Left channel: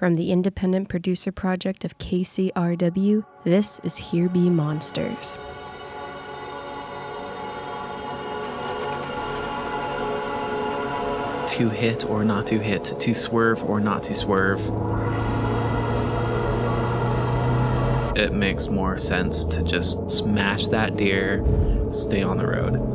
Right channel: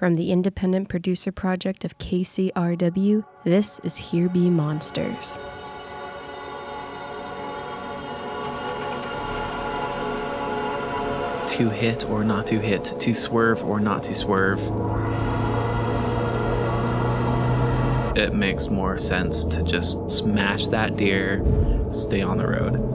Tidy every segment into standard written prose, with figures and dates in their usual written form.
From the independent producer project of KCRW, this is Here Be Monsters. To hit or not to hit, to swerve or not to swerve. It makes more sense to just smash that deer, stay on the road.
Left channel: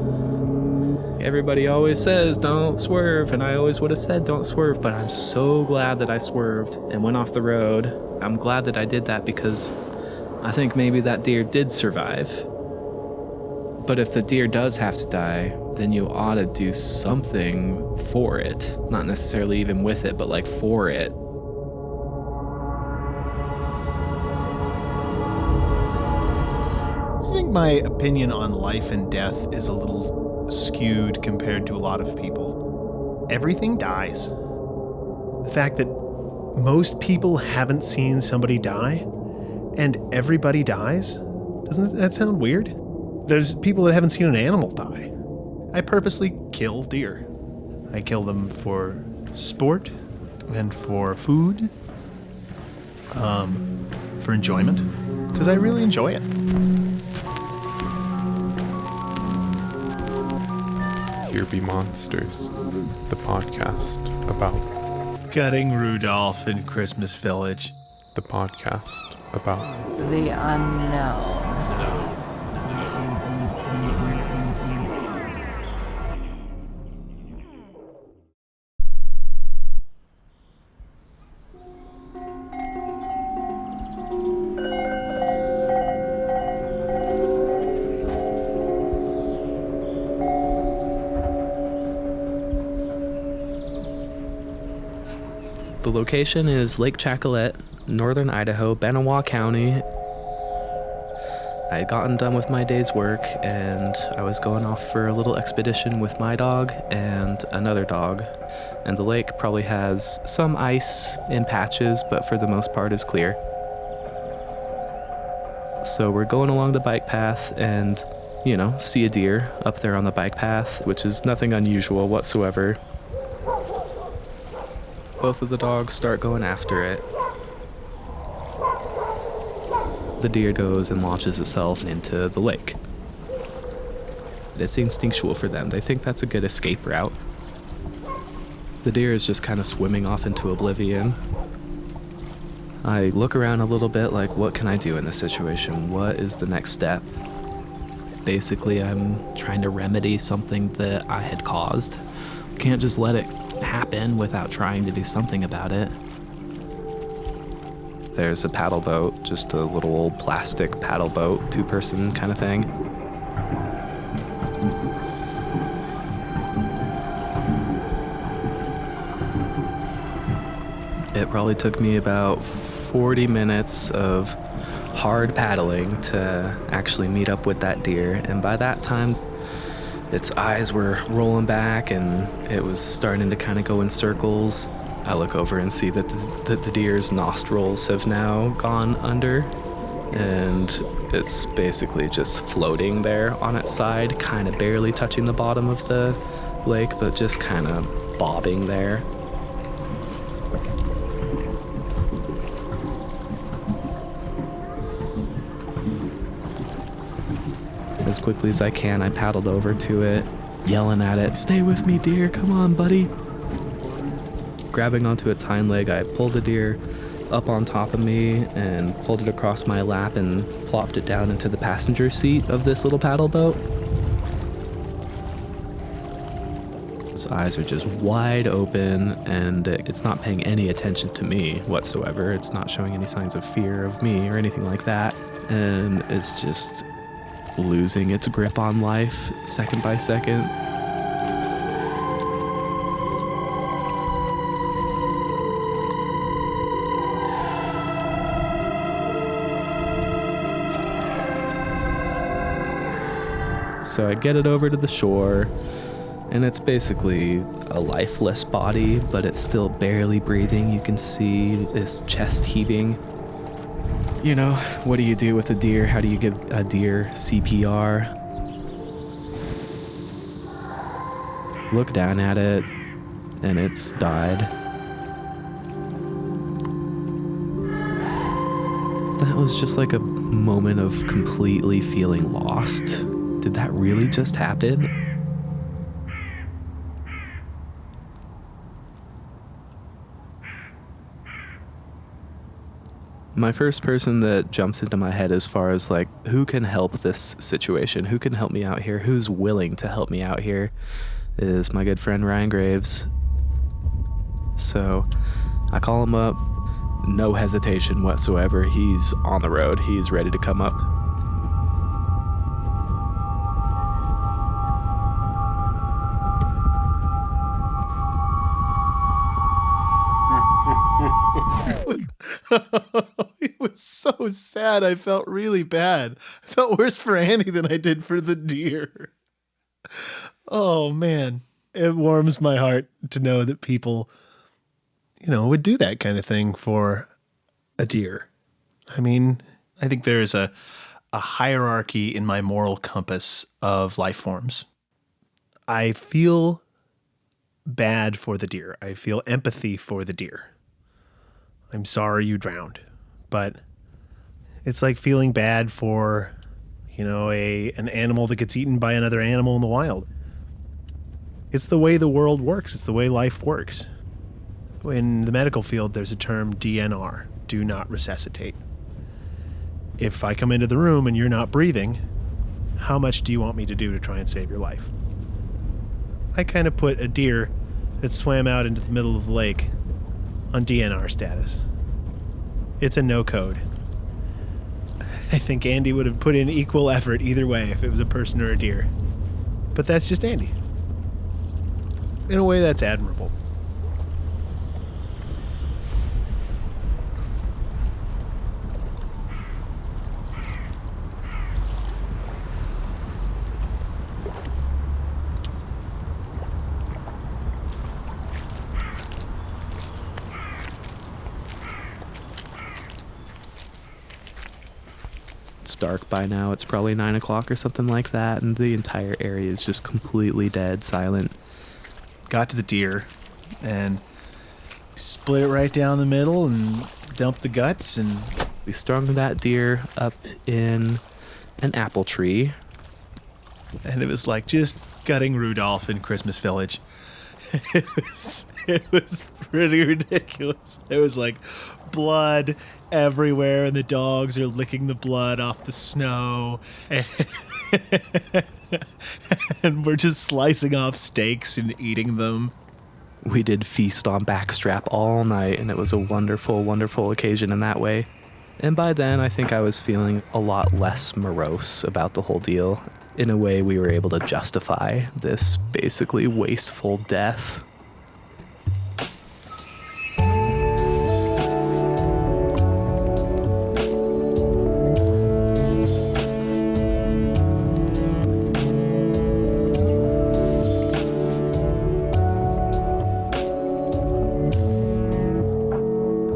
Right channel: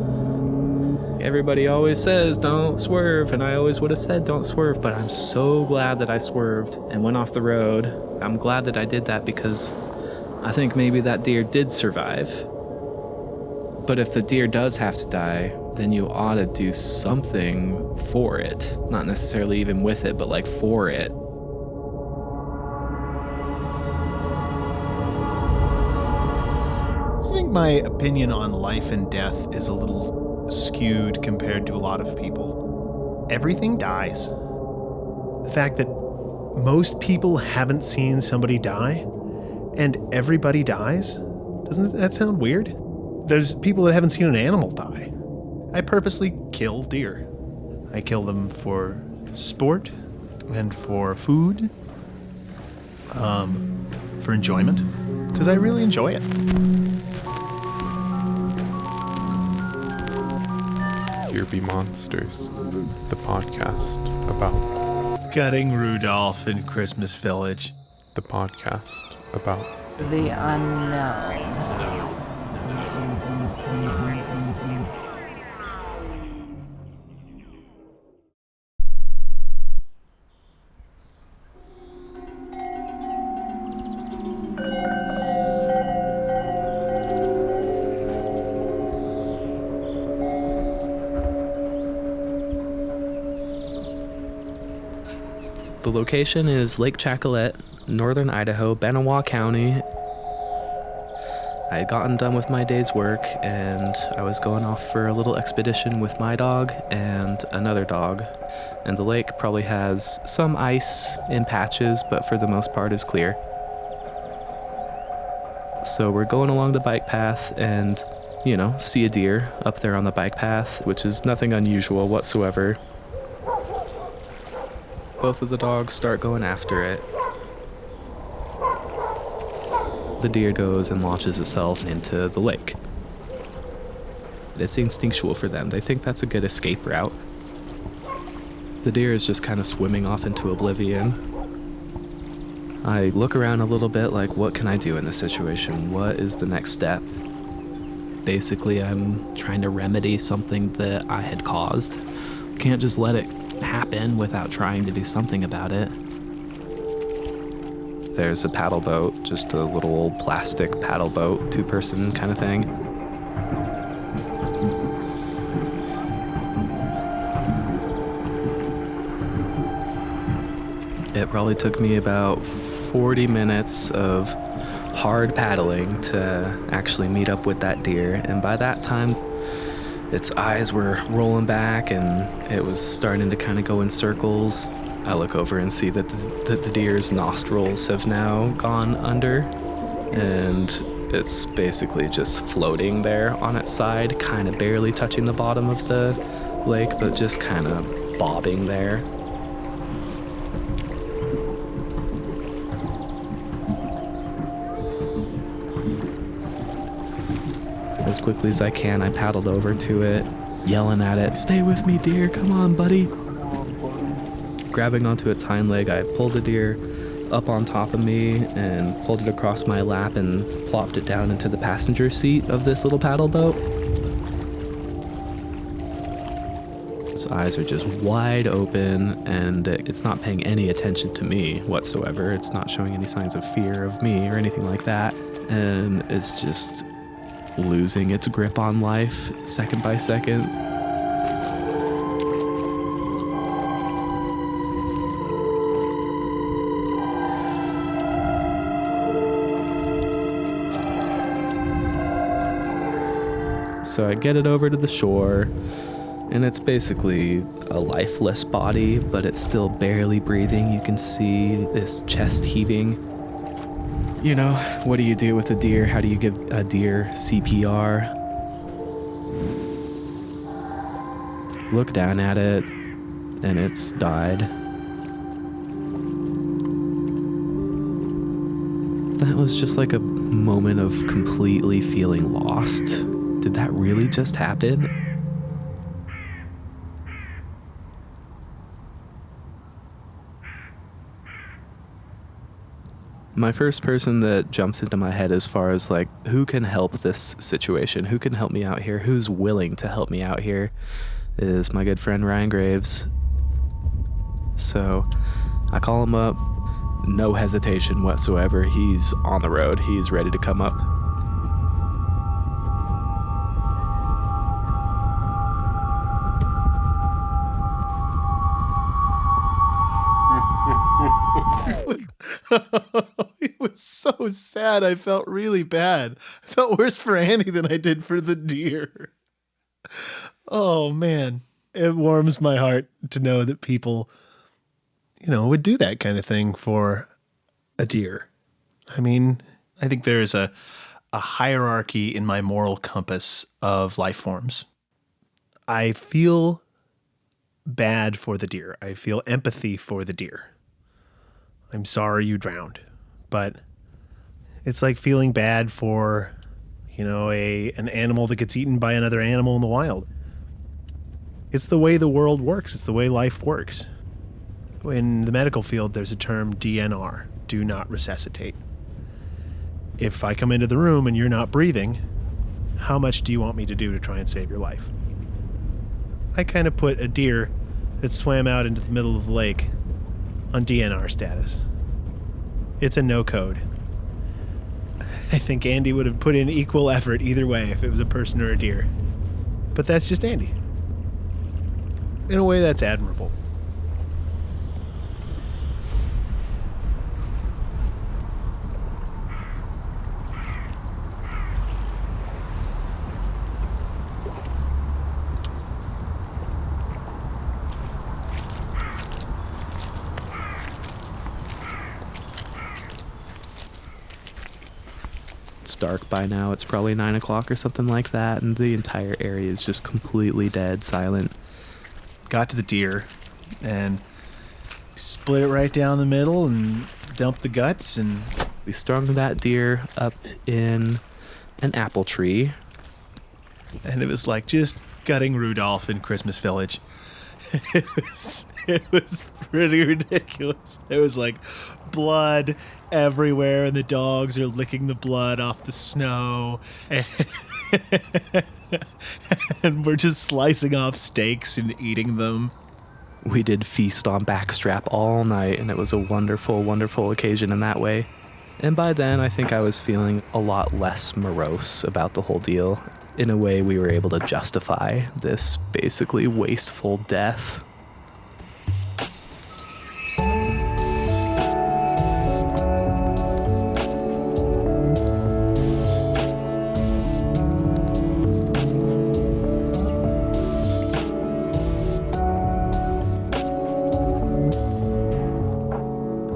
Everybody always says don't swerve, and I always would have said don't swerve, but I'm so glad that I swerved and went off the road. I'm glad that I did that because I think maybe that deer did survive. But if the deer does have to die, then you ought to do something for it. Not necessarily even with it, but like for it. I think my opinion on life and death is a little skewed compared to a lot of people. Everything dies. The fact that most people haven't seen somebody die and everybody dies, doesn't that sound weird? There's people that haven't seen an animal die. I purposely kill deer. I kill them for sport and for food, for enjoyment, because I really enjoy it. Here Be Monsters, the podcast about Cutting Rudolph in Christmas Village. the podcast about the unknown. The location is Lake Chatcolet, northern Idaho, Benawah County. I had gotten done with my day's work and I was going off for a little expedition with my dog and another dog. And the lake probably has some ice in patches, but for the most part is clear. So we're going along the bike path and, see a deer up there on the bike path, which is nothing unusual whatsoever. Both of the dogs start going after it. The deer goes and launches itself into the lake. It's instinctual for them. They think that's a good escape route. The deer is just kind of swimming off into oblivion. I look around a little bit like, what can I do in this situation? What is the next step? Basically, I'm trying to remedy something that I had caused. Can't just let it happen without trying to do something about it. There's a paddle boat, just a little old plastic paddle boat, 2-person kind of thing. It probably took me about 40 minutes of hard paddling to actually meet up with that deer, and by that time its eyes were rolling back and it was starting to kind of go in circles. I look over and see that the deer's nostrils have now gone under, and it's basically just floating there on its side, kind of barely touching the bottom of the lake, but just kind of bobbing there. As quickly as I can, I paddled over to it, yelling at it, "Stay with me, deer, come on, buddy." Grabbing onto its hind leg, I pulled the deer up on top of me and pulled it across my lap and plopped it down into the passenger seat of this little paddle boat. Its eyes are just wide open and it's not paying any attention to me whatsoever. It's not showing any signs of fear of me or anything like that. And it's just losing its grip on life second by second. So I get it over to the shore, and it's basically a lifeless body, but it's still barely breathing. You can see this chest heaving. What do you do with a deer? How do you give a deer CPR? Look down at it, and it's died. That was just like a moment of completely feeling lost. Did that really just happen? My first person that jumps into my head as far as like, who can help this situation? Who can help me out here? Who's willing to help me out here? Is my good friend Ryan Graves. So I call him up, no hesitation whatsoever. He's on the road. He's ready to come up. It was so sad. I felt really bad. I felt worse for Andy than I did for the deer. Oh, man. It warms my heart to know that people, would do that kind of thing for a deer. I mean, I think there is a hierarchy in my moral compass of life forms. I feel bad for the deer. I feel empathy for the deer. I'm sorry you drowned. But it's like feeling bad for, an animal that gets eaten by another animal in the wild. It's the way the world works. It's the way life works. In the medical field, there's a term DNR, do not resuscitate. If I come into the room and you're not breathing, how much do you want me to do to try and save your life? I kind of put a deer that swam out into the middle of the lake on DNR status. It's a no code. I think Andy would have put in equal effort either way if it was a person or a deer. But that's just Andy. In a way, that's admirable. It's dark by now. It's probably 9 o'clock or something like that, and the entire area is just completely dead, silent. Got to the deer and split it right down the middle and dumped the guts, and We strung that deer up in an apple tree. And it was like just gutting Rudolph in Christmas Village. It was pretty ridiculous. There was like blood everywhere, and the dogs are licking the blood off the snow. And we're just slicing off steaks and eating them. We did feast on backstrap all night, and it was a wonderful, wonderful occasion in that way. And by then, I think I was feeling a lot less morose about the whole deal. In a way, we were able to justify this basically wasteful death.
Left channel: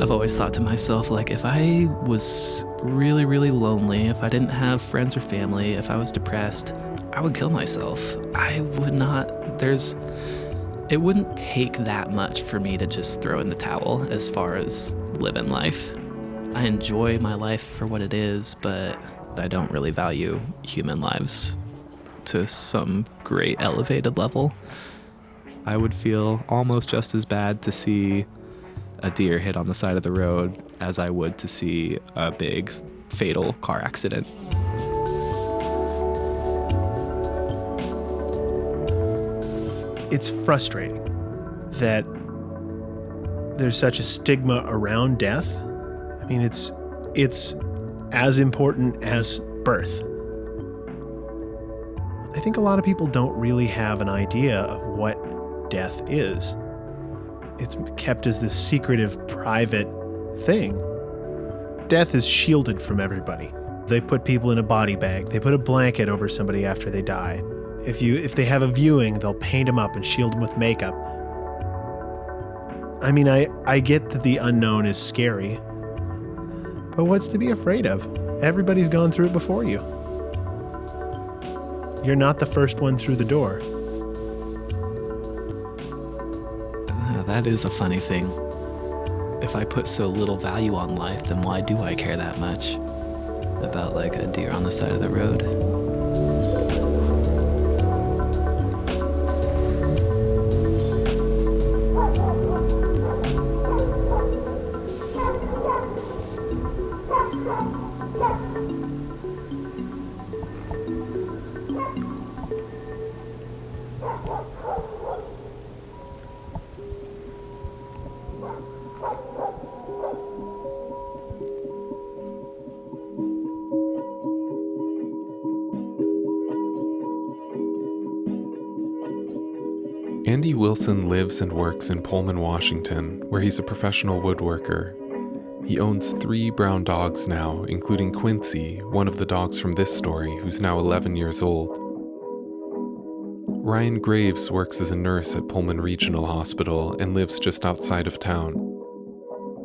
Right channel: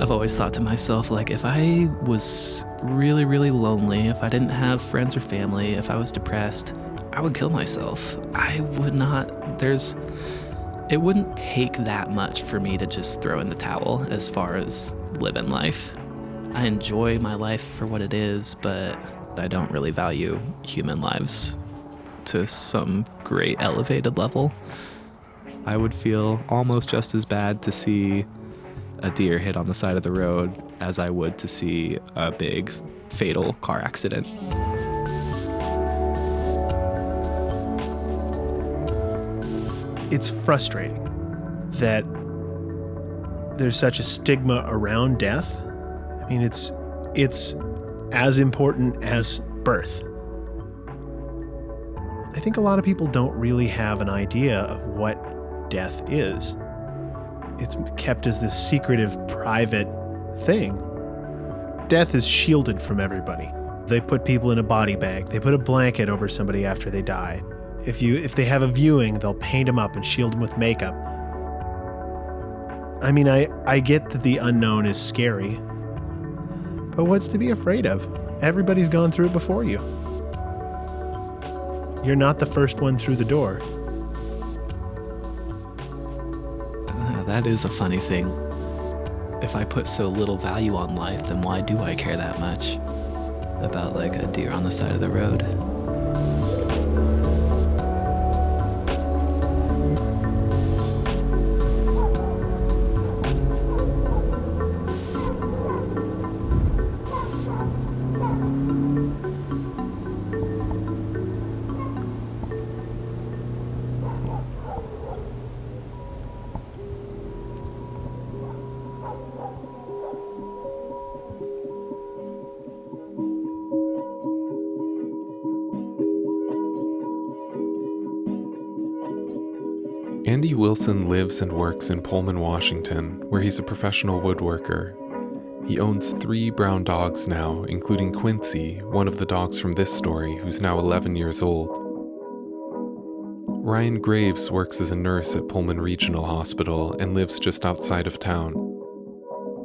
I've always thought to myself, like, if I was really, really lonely, if I didn't have friends or family, if I was depressed, I would kill myself. I would not, it wouldn't take that much for me to just throw in the towel as far as living life. I enjoy my life for what it is, but I don't really value human lives to some great elevated level. I would feel almost just as bad to see a deer hit on the side of the road as I would to see a big fatal car accident. It's frustrating that there's such a stigma around death. I mean, it's as important as birth. I think a lot of people don't really have an idea of what death is. It's kept as this secretive, private thing. Death is shielded from everybody. They put people in a body bag. They put a blanket over somebody after they die. If they have a viewing, they'll paint them up and shield them with makeup. I mean, I get that the unknown is scary, but what's to be afraid of? Everybody's gone through it before you. You're not the first one through the door. That is a funny thing. if I put so little value on life, then why do I care that much about like a deer on the side of the road? Andy Wilson lives and works in Pullman, Washington, where he's a professional woodworker. He owns 3 brown dogs now, including Quincy, one of the dogs from this story, who's now 11 years old. Ryan Graves works as a nurse at Pullman Regional Hospital and lives just outside of town.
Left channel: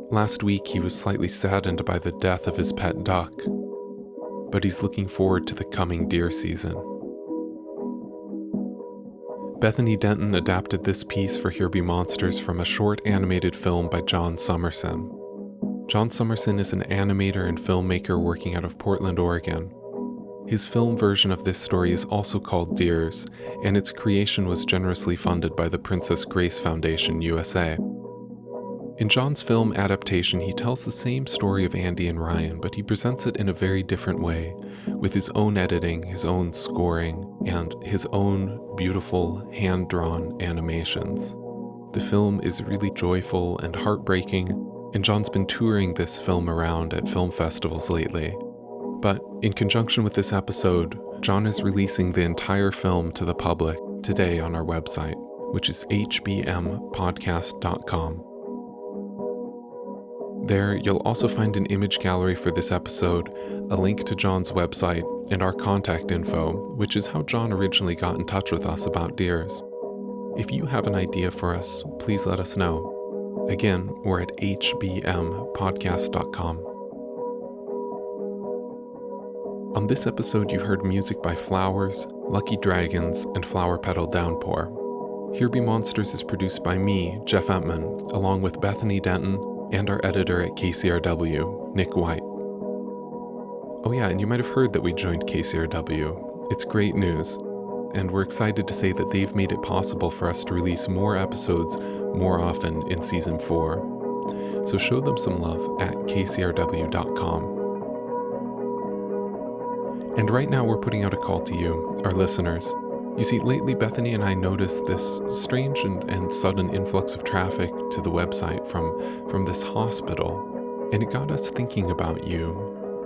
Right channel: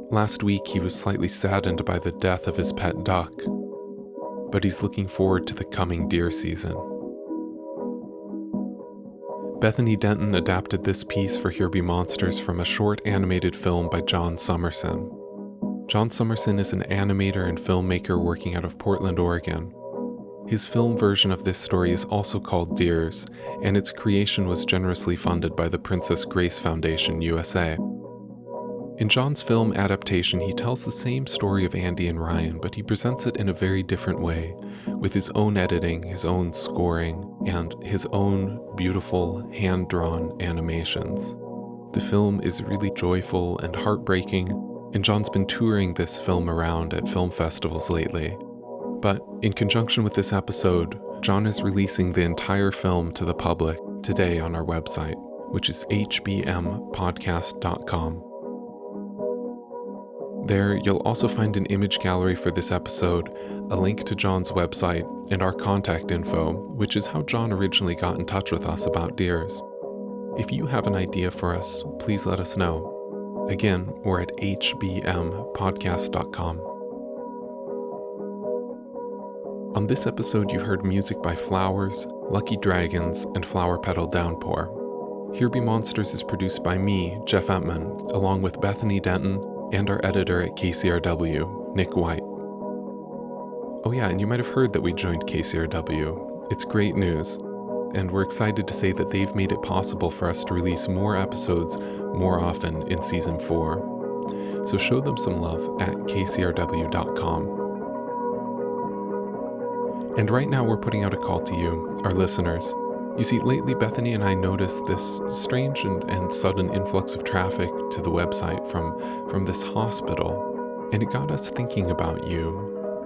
Last week, he was slightly saddened by the death of his pet duck, but he's looking forward to the coming deer season. Bethany Denton adapted this piece for Here Be Monsters from a short animated film by John Summerson. John Summerson is an animator and filmmaker working out of Portland, Oregon. His film version of this story is also called Deers, and its creation was generously funded by the Princess Grace Foundation, USA. In John's film adaptation, he tells the same story of Andy and Ryan, but he presents it in a very different way, with his own editing, his own scoring, and his own beautiful, hand-drawn animations. The film is really joyful and heartbreaking, and John's been touring this film around at film festivals lately. But in conjunction with this episode, John is releasing the entire film to the public today on our website, which is HBM042.com. There, you'll also find an image gallery for this episode, a link to John's website, and our contact info, which is how John originally got in touch with us about deers. If you have an idea for us, please let us know. Again, we're at HBMpodcast.com. On this episode, you heard music by Flowers, Lucky Dragons, and Flower Petal Downpour. Here Be Monsters is produced by me, Jeff Entman, along with Bethany Denton, and our editor at KCRW, Nick White. Oh yeah, and you might have heard that we joined KCRW. It's great news, and we're excited to say that they've made it possible for us to release more episodes more often in Season 4. So show them some love at kcrw.com. And right now we're putting out a call to you, our listeners. You see, lately Bethany and I noticed this strange and sudden influx of traffic to the website from this hospital, and it got us thinking about you,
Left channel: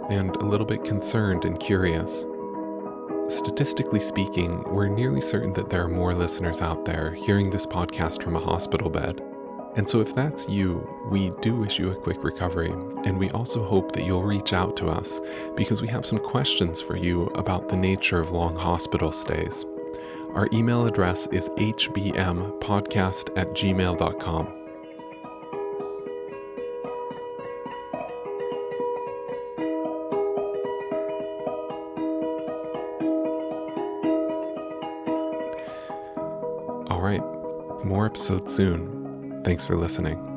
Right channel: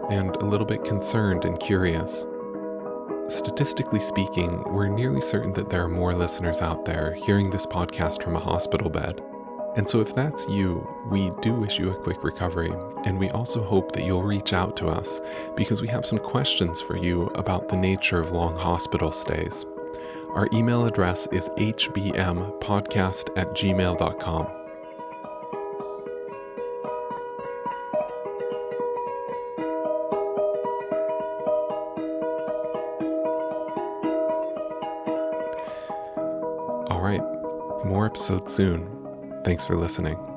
and a little bit concerned and curious. Statistically speaking, we're nearly certain that there are more listeners out there hearing this podcast from a hospital bed. And so if that's you, we do wish you a quick recovery, and we also hope that you'll reach out to us because we have some questions for you about the nature of long hospital stays. Our email address is hbmpodcast@gmail.com. All right, more episodes soon. Thanks for listening.